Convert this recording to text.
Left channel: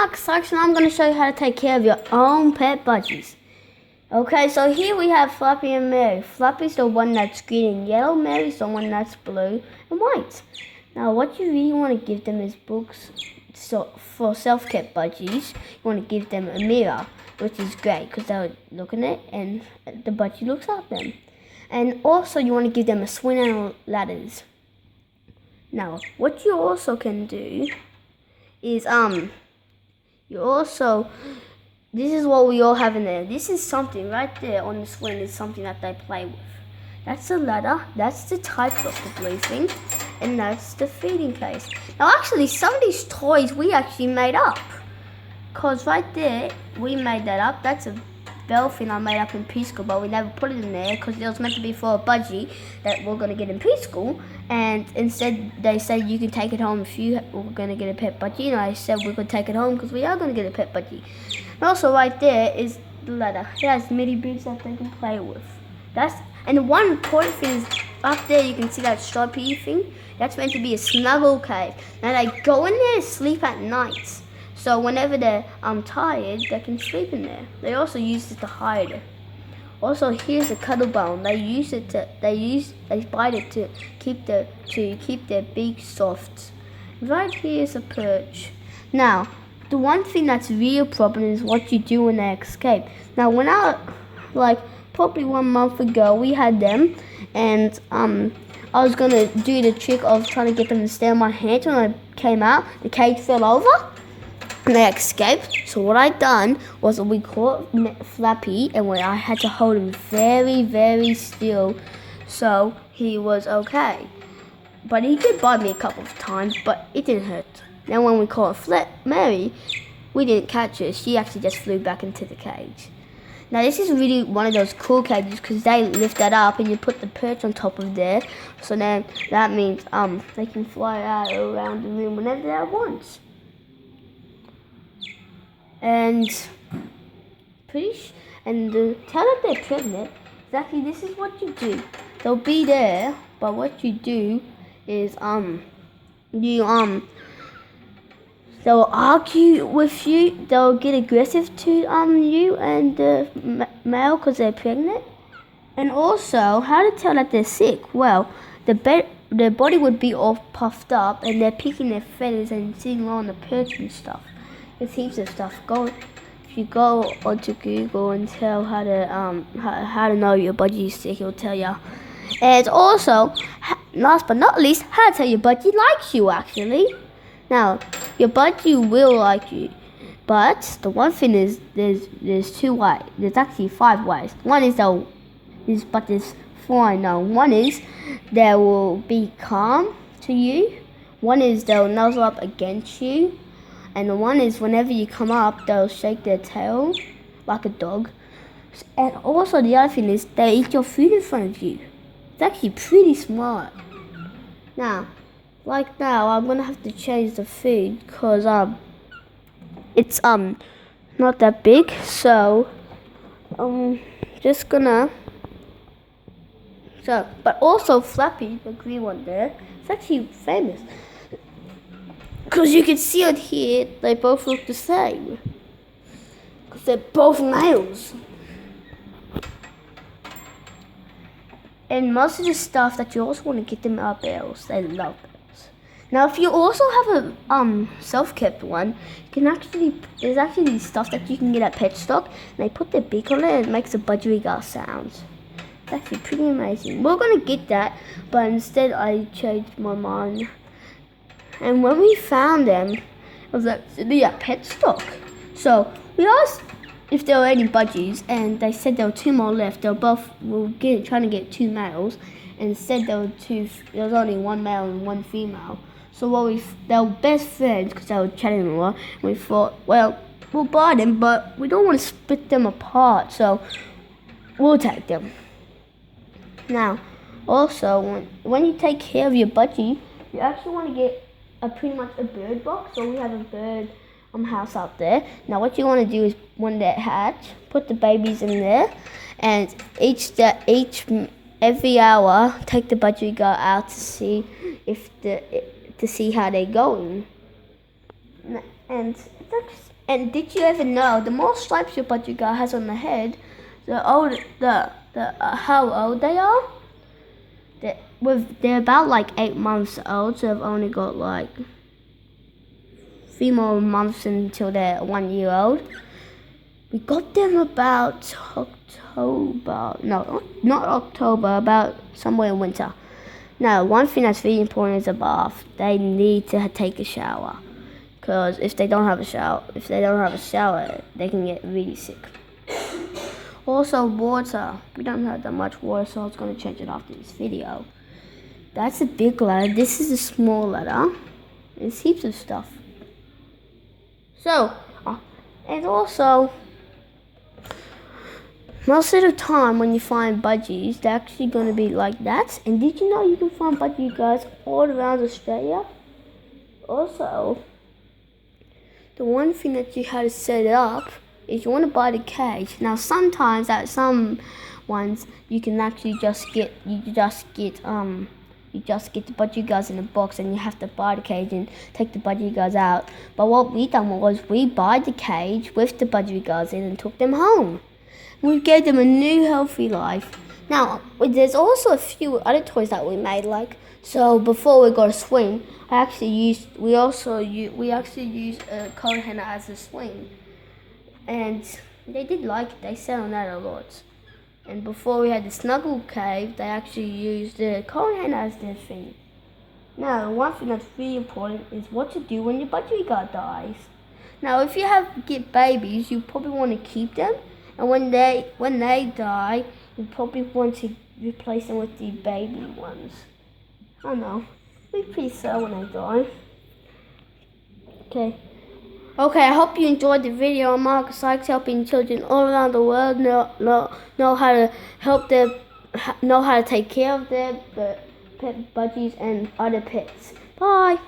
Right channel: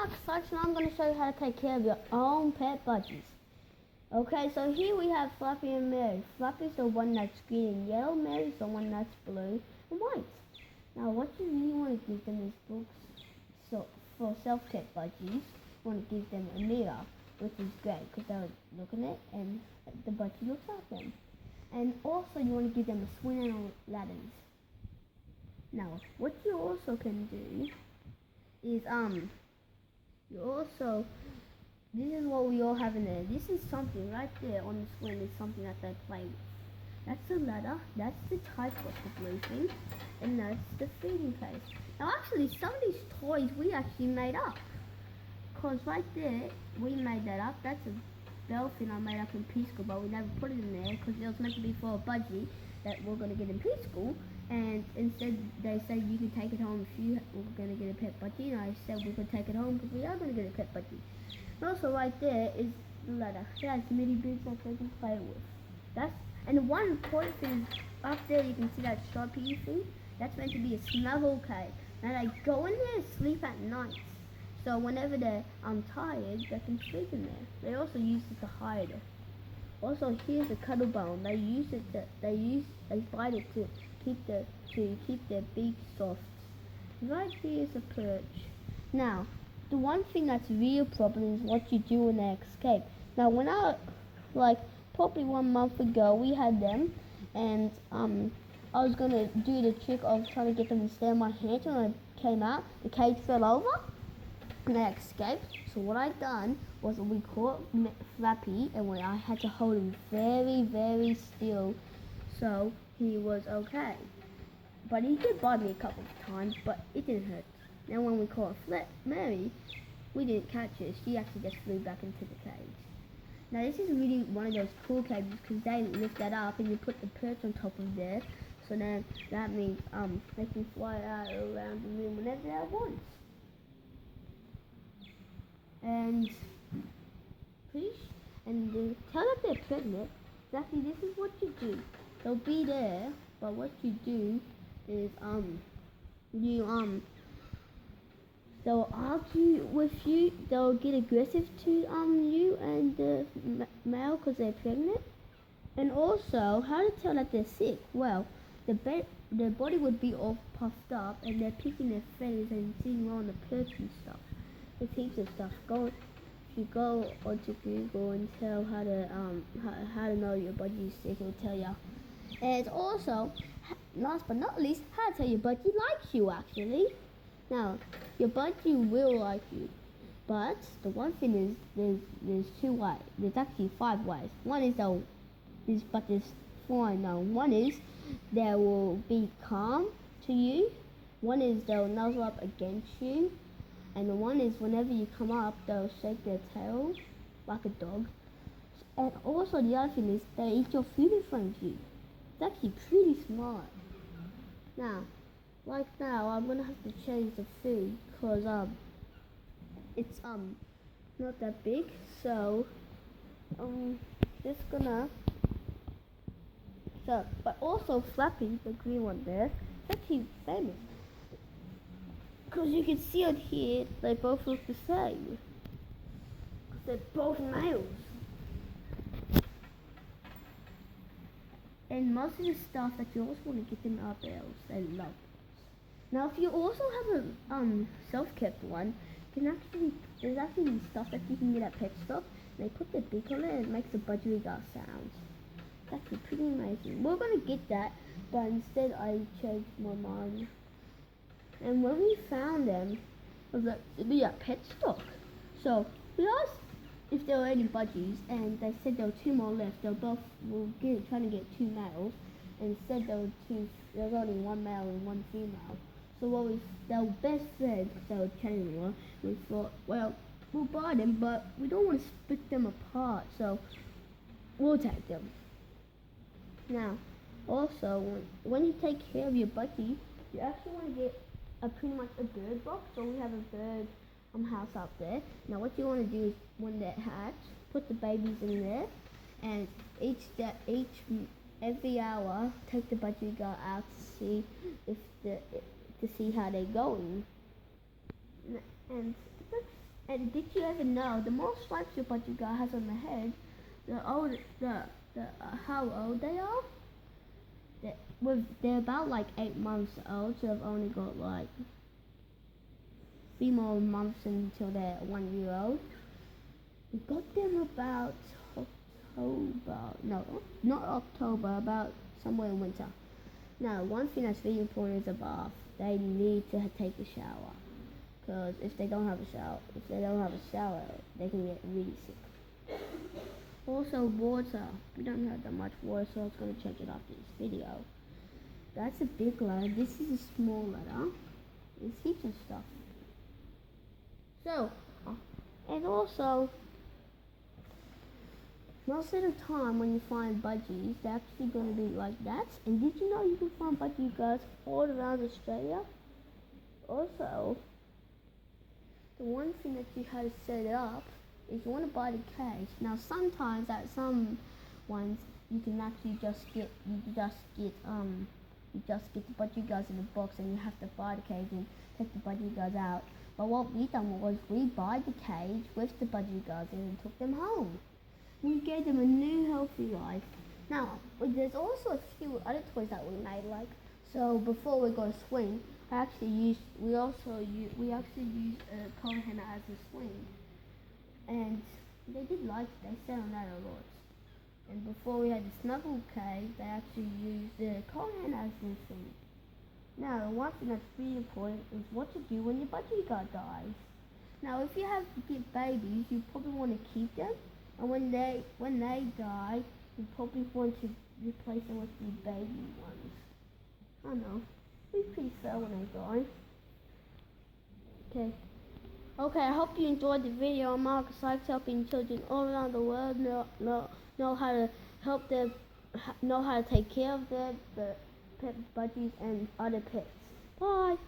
Marcus Sykes, and I'm going to show you how to take care of your own pet budgies. Okay, so here we have Fluffy and Mary. Fluffy's the one that's green and yellow. Mary's the one that's blue and white. Now, what you really want to give them is books. So for self-care budgies, you want to give them a mirror, which is great because they'll look in it and the budgie looks at them. And also, you want to give them a swing and ladders. Now, what you also can do is this is what we all have in there. This is something right there on the swing is something that they play with. That's the ladder, that's the type of the blue thing, and that's the feeding case. Now actually, some of these toys we actually made up. Cause right there, we made that up. That's a bell thing I made up in preschool, but we never put it in there because it was meant to be for a budgie that we're going to get in preschool. And instead, they said you can take it home if you were going to get a pet budgie. And I said we could take it home because we are going to get a pet budgie. And also right there is the ladder. It has mini boots that they can play with. And the one important thing is up there, you can see that stripy thing. That's meant to be a snuggle cave. Now they go in there and sleep at night. So whenever they're tired, they can sleep in there. They also use it to hide. Also, here's a cuddle bone. They bite it to keep their beak soft. Right here is a perch. Now, the one thing that's real problem is what you do when they escape. Now, when probably 1 month ago, we had them, and I was gonna do the trick of trying to get them to stay on my hand. When I came out, the cage fell over. And they escaped. So what I done was we caught Flappy, and I had to hold him very, very still, so he was okay. But he did bite me a couple of times, but it didn't hurt. Then when we caught Mary, we didn't catch her. She actually just flew back into the cage. Now this is really one of those cool cages because they lift that up and you put the perch on top of there. So then that means they can fly out around the room whenever they want. And to tell them they're pregnant, exactly this is what you do. They'll be there, but what you do is they'll argue with you. They'll get aggressive to you and the male because they're pregnant. And also, how to tell that they're sick? Well, their body would be all puffed up and they're picking their feathers and sitting on the perch and stuff. There's heaps of stuff. If you go onto Google and tell how to know your budgie is sick, it'll tell you. And also, last but not least, how to tell your budgie likes you actually. Now, your budgie will like you, but the one thing is there's 2 ways. There's actually 5 ways. One is there's 4 I know. One is they will be calm to you. One is they'll nuzzle up against you. And the one is whenever you come up, they'll shake their tail like a dog. And also the other thing is they eat your food in front of you. It's actually pretty smart. Now, like now, I'm gonna have to change the food because it's not that big. So just gonna. But also Flappy, the green one there, it's actually famous. Because you can see on here, they both look the same. Because they're both males. And most of the stuff that you also want to get them are bells. They love bells. Now, if you also have a self-kept one, there's actually stuff that you can get at Pet Stock. And they put their beak on it and it makes a budgerigar sounds. It's actually pretty amazing. We're going to get that, but instead I changed my mind. And when we found them, it was actually at Pet Stock. So we asked if there were any budgies, and they said there were 2 more left. They were trying to get 2 males, and said there was only 1 male and 1 female. So they were best friends because they were chatting a lot. And we thought, well, we'll buy them, but we don't want to split them apart, so we'll take them. Now, also when you take care of your budgie, you actually want to get pretty much a bird box. So we have a bird house out there. Now what you want to do is when they hatch, put the babies in there, and every hour take the budgierigar out to see how they're going. And And did you ever know the more stripes your budgie guy has on the head, how old they are? They're about like 8 months old, so they've only got like 3 more months until they're 1 year old. We got them about October. No, not October. About somewhere in winter. Now, one thing that's really important is a bath. They need to take a shower, because if they don't have a shower, they can get really sick. Also, water. We don't have that much water, so I was going to change it after this video. That's a big ladder. This is a small ladder. There's heaps of stuff. So, and also, most of the time when you find budgies, they're actually going to be like that. And did you know you can find budgie guys all around Australia? Also, the one thing that you have to set up is you want to buy the cage. Now, sometimes at some ones you can actually just get the budgie guys in a box, and you have to buy the cage and take the budgie guys out. But what we done was we buy the cage with the budgie guys in and took them home. We gave them a new healthy life. Now, there's also a few other toys that we made. Like, so before we got a swing, we actually used a coat hanger as a swing, and they did like it. They sat on that a lot. And before we had the snuggle cave, they actually used the coat hanger as their thing. Now, one thing that's really important is what to do when your budgie guy dies. Now, if you get babies, you probably want to keep them. And when they die, you probably want to replace them with the baby ones. I don't know. It'll be pretty sad when they die. Okay, I hope you enjoyed the video. I'm Marcus Sykes, helping children all around the world know how to know how to take care of their pet budgies and other pets. Bye.